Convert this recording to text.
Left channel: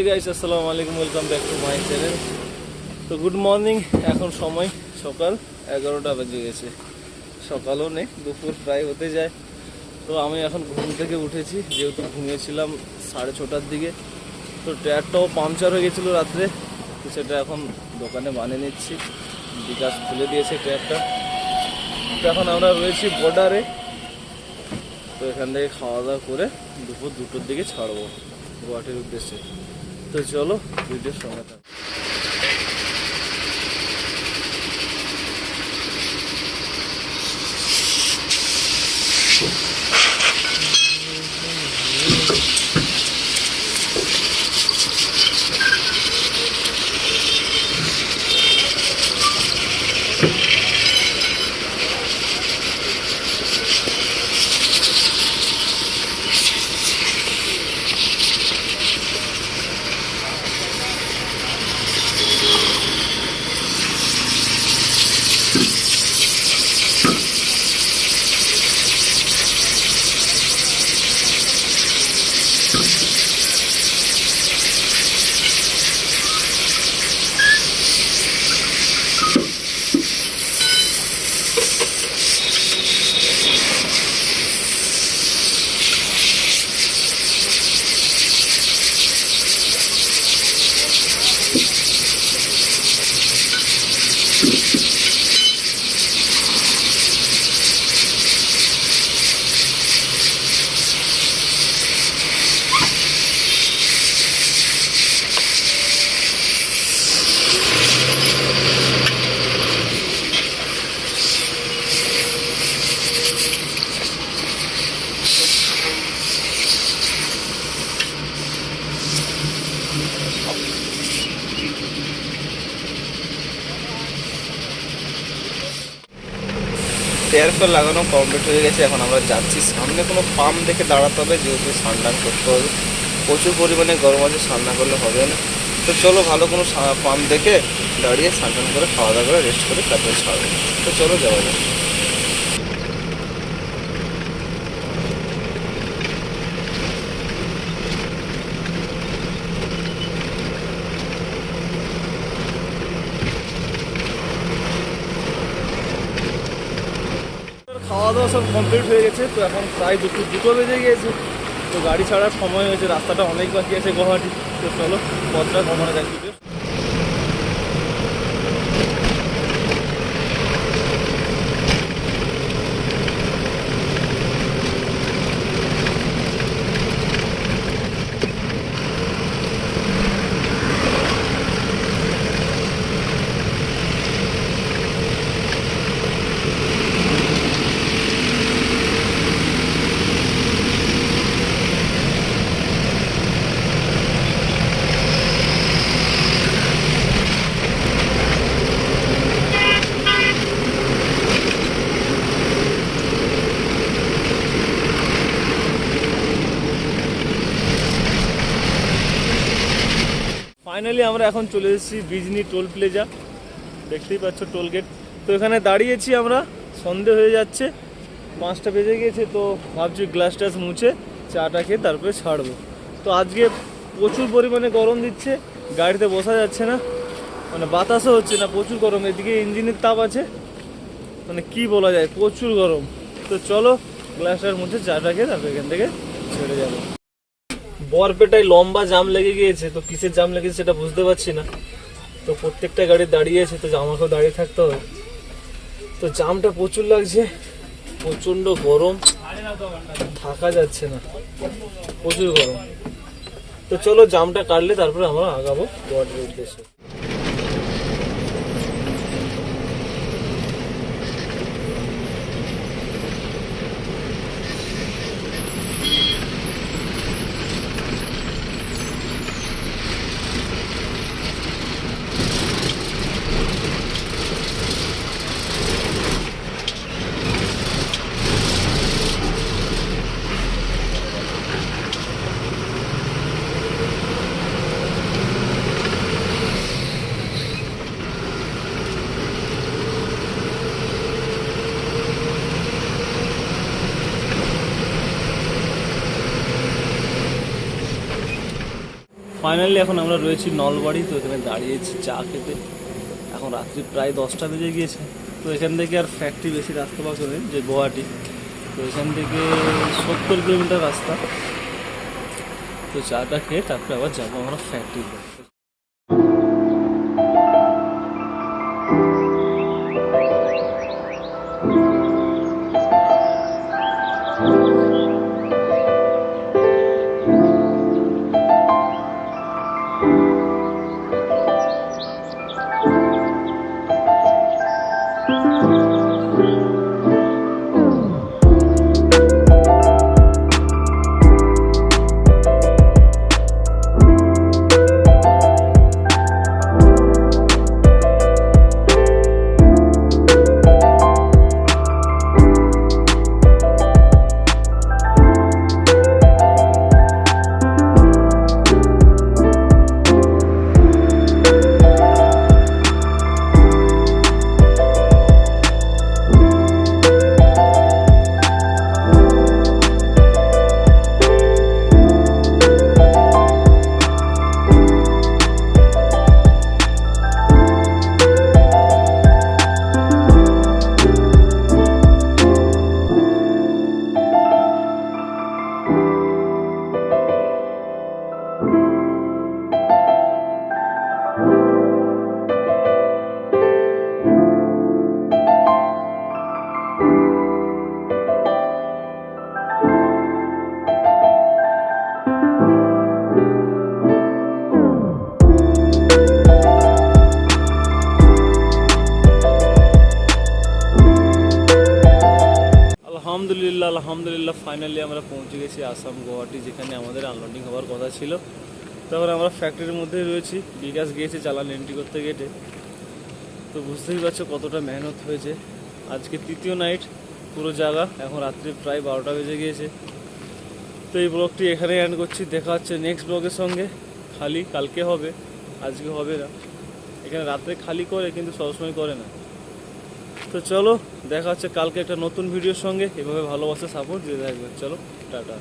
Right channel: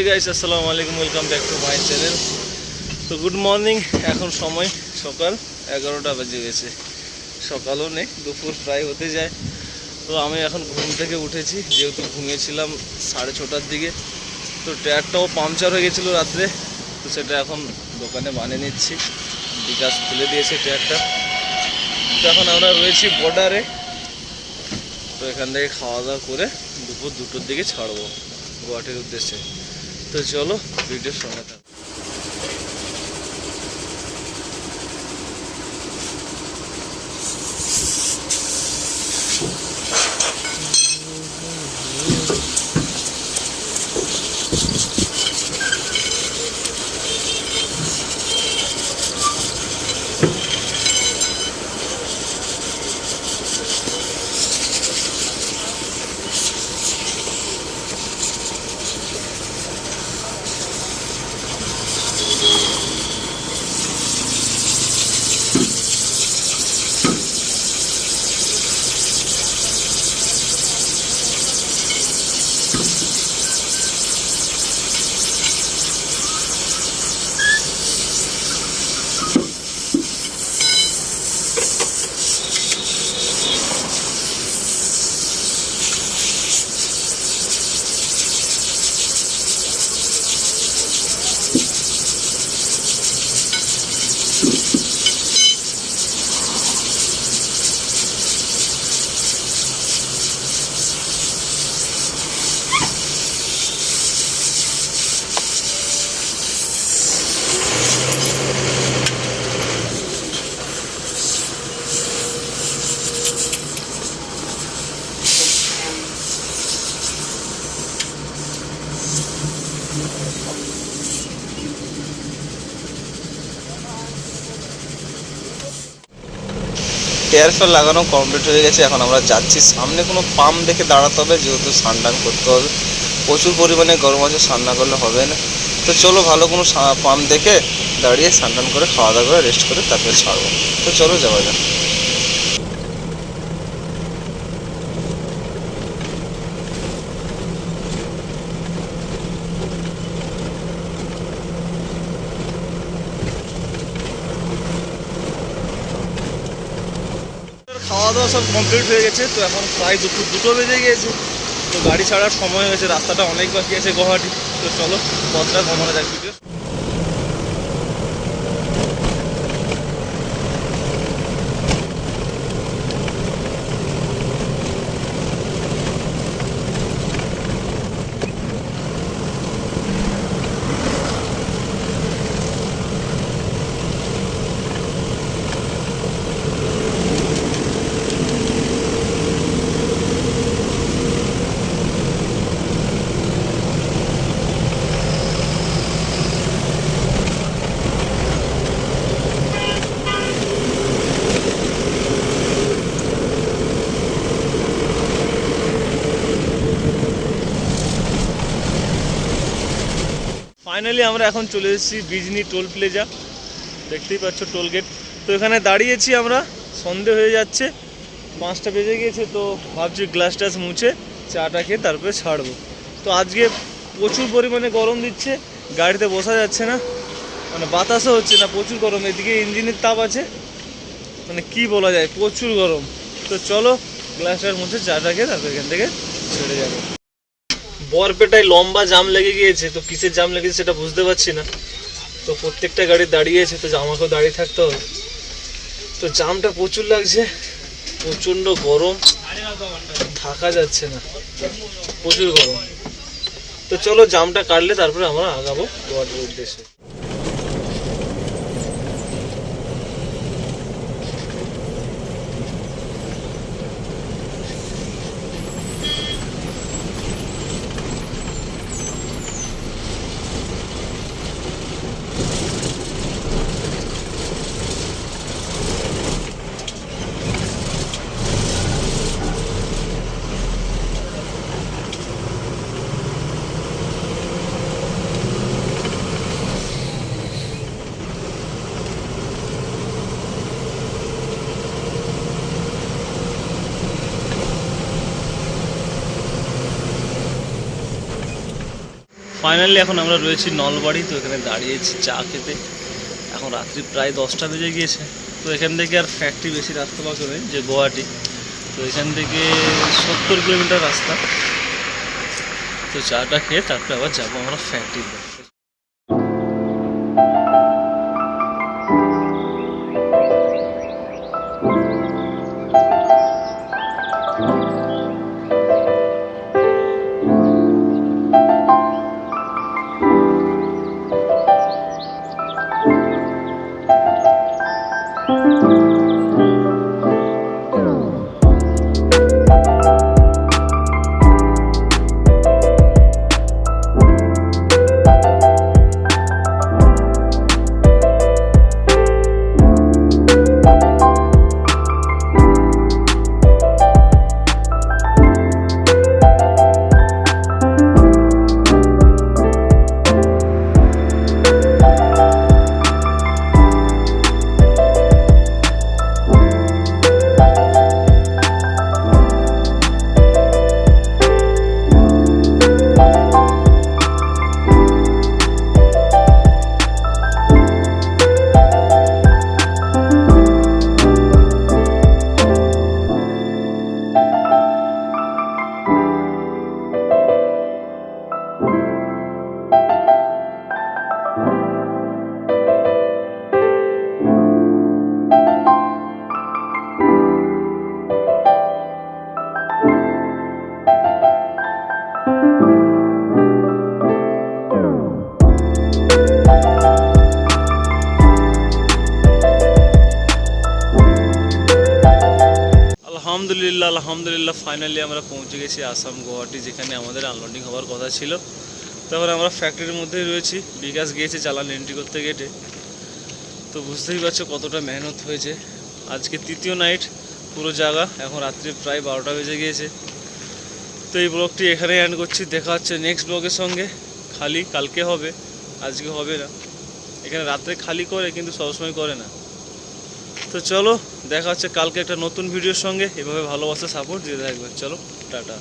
Hey guys, আসসালামু আলাইকুম, welcome back to my channel. তো গুড মর্নিং। এখন সময় সকাল 11টা বেজে গেছে। সকালও নেই, দুপুর প্রায় হতে যায়। তো আমি এখন ঘুম থেকে উঠেছি, যেহেতু ঘুমিয়েছিলাম 6:30টার দিকে। তো টায়ারটাও পাংচার হয়ে গেছিলো রাত্রে, তো সেটা এখন দোকানে বানিয়ে নিচ্ছি। বিকাশ খুলে দিয়েছে টায়ারটা। তো এখন আমরা রয়েছি বর্ডারে। তো এখান থেকে খাওয়া দাওয়া করে দুপুর 2টোর দিকে ছাড়বো গুয়াহাটির উদ্দেশ্যে। তো চলো ভিডিওর সঙ্গে থাকো। এয়ার ফেল লাগানো কমপ্লিট হয়ে গেছে। এখন আমরা যাচ্ছি সামনে কোনো পাম্প দেখে দাঁড়াতে হবে, যেহেতু স্নান করতে হবে। প্রচুর পরিমাণে গরম আছে, স্নান না করলে হবে না। তো চলো ভালো কোনো পাম্প দেখে দাঁড়িয়ে স্নান করে খাওয়া দাওয়া করে রেস্ট করে তারপরে ছাড়বো। তো চলো যাওয়া যাক। খাওয়া দাওয়া সব কমপ্লিট হয়ে গেছে। তো এখন প্রায় দুপুর 2টো বেজে গিয়েছে। তো গাড়ি ছাড়ার সময় হয়েছে, রাস্তাটা অনেক বাকি আছে গুয়াহাটি। তো চলো পথটা কমানো যাক ভিডিও। ফাইনালি আমরা এখন চলে এসেছি বিজনি টোল প্লাজা। দেখতেই পাচ্ছ টোল গেট। তো এখানে দাঁড়িয়েছি আমরা, সন্ধে হয়ে যাচ্ছে, 5টা বেজে গিয়েছে। তো ভাবছি গ্লাস টাস মুছে চাটা খেয়ে তারপরে ছাড়বো। তো আজকে প্রচুর পরিমাণে গরম দিচ্ছে, গাড়িতে বসা যাচ্ছে না, মানে বাতাসও হচ্ছে না, প্রচুর গরম। এদিকে ইঞ্জিনের তাপ আছে, মানে কি বলা যায়, প্রচুর গরম। তো চলো গ্লাস টাস মুছে চাটা খেয়ে তারপরে এখান থেকে ছেড়ে যাবো। বরপেটায় লম্বা জাম লেগে গিয়েছে। তো কিসের জাম লেগেছে সেটা বুঝতে পারছি না। তো প্রত্যেকটা গাড়ি দাঁড়িয়েছে, তো আমাকেও দাঁড়িয়ে থাকতে হবে। তো জামটা প্রচুর লাগছে, প্রচণ্ড গরম, থাকা যাচ্ছে না, প্রচুর গরম। তো চলো জামটা কাটলে তারপরে আমরা আগাবো গুয়াহাটির উদ্দেশ্যে। ফাইনালি এখন আমরা রয়েছি নলবাড়ি, তো এখানে দাঁড়িয়েছি চা খেতে। এখন রাত্রি প্রায় 10টা বেজে গিয়েছে। তো এখান থেকে আর ফ্যাক্টরি বেশি রাস্তা বাকি নেই, যে গুয়াহাটি, তো এখান থেকে 70 কিলোমিটার রাস্তা। তো চাটা খেয়ে তারপরে আবার যাবো আমরা ফ্যাক্টরিতে। আলহামদুলিল্লাহ ফাইনালি আমরা পৌঁছে গেছি আসাম গুয়াহাটি, যেখানে আমাদের আনলোডিং হওয়ার কথা ছিল। তারপরে আমরা ফ্যাক্টরির মধ্যেই রয়েছি। বিকাশ গিয়েছে চালান এন্ট্রি করতে গেটে। তো বুঝতেই পারছো কতটা মেহনত হয়েছে। আজকে তৃতীয় নাইট পুরো জায়গা। এখন রাত্রি প্রায় 12টা বেজে গিয়েছে। তো এই ব্লগটি এখানেই এন্ড করছি। দেখা হচ্ছে নেক্সট ব্লগের সঙ্গে। খালি কালকে হবে, আজকে হবে না। এখানে রাত্রে খালি করে, কিন্তু সবসময় করে না। তো চলো দেখা হচ্ছে কালকে একটা নতুন ভিডিওর সঙ্গে। এভাবে ভালোবাসা সাপোর্ট দিতে থাকবে। চলো টাটা।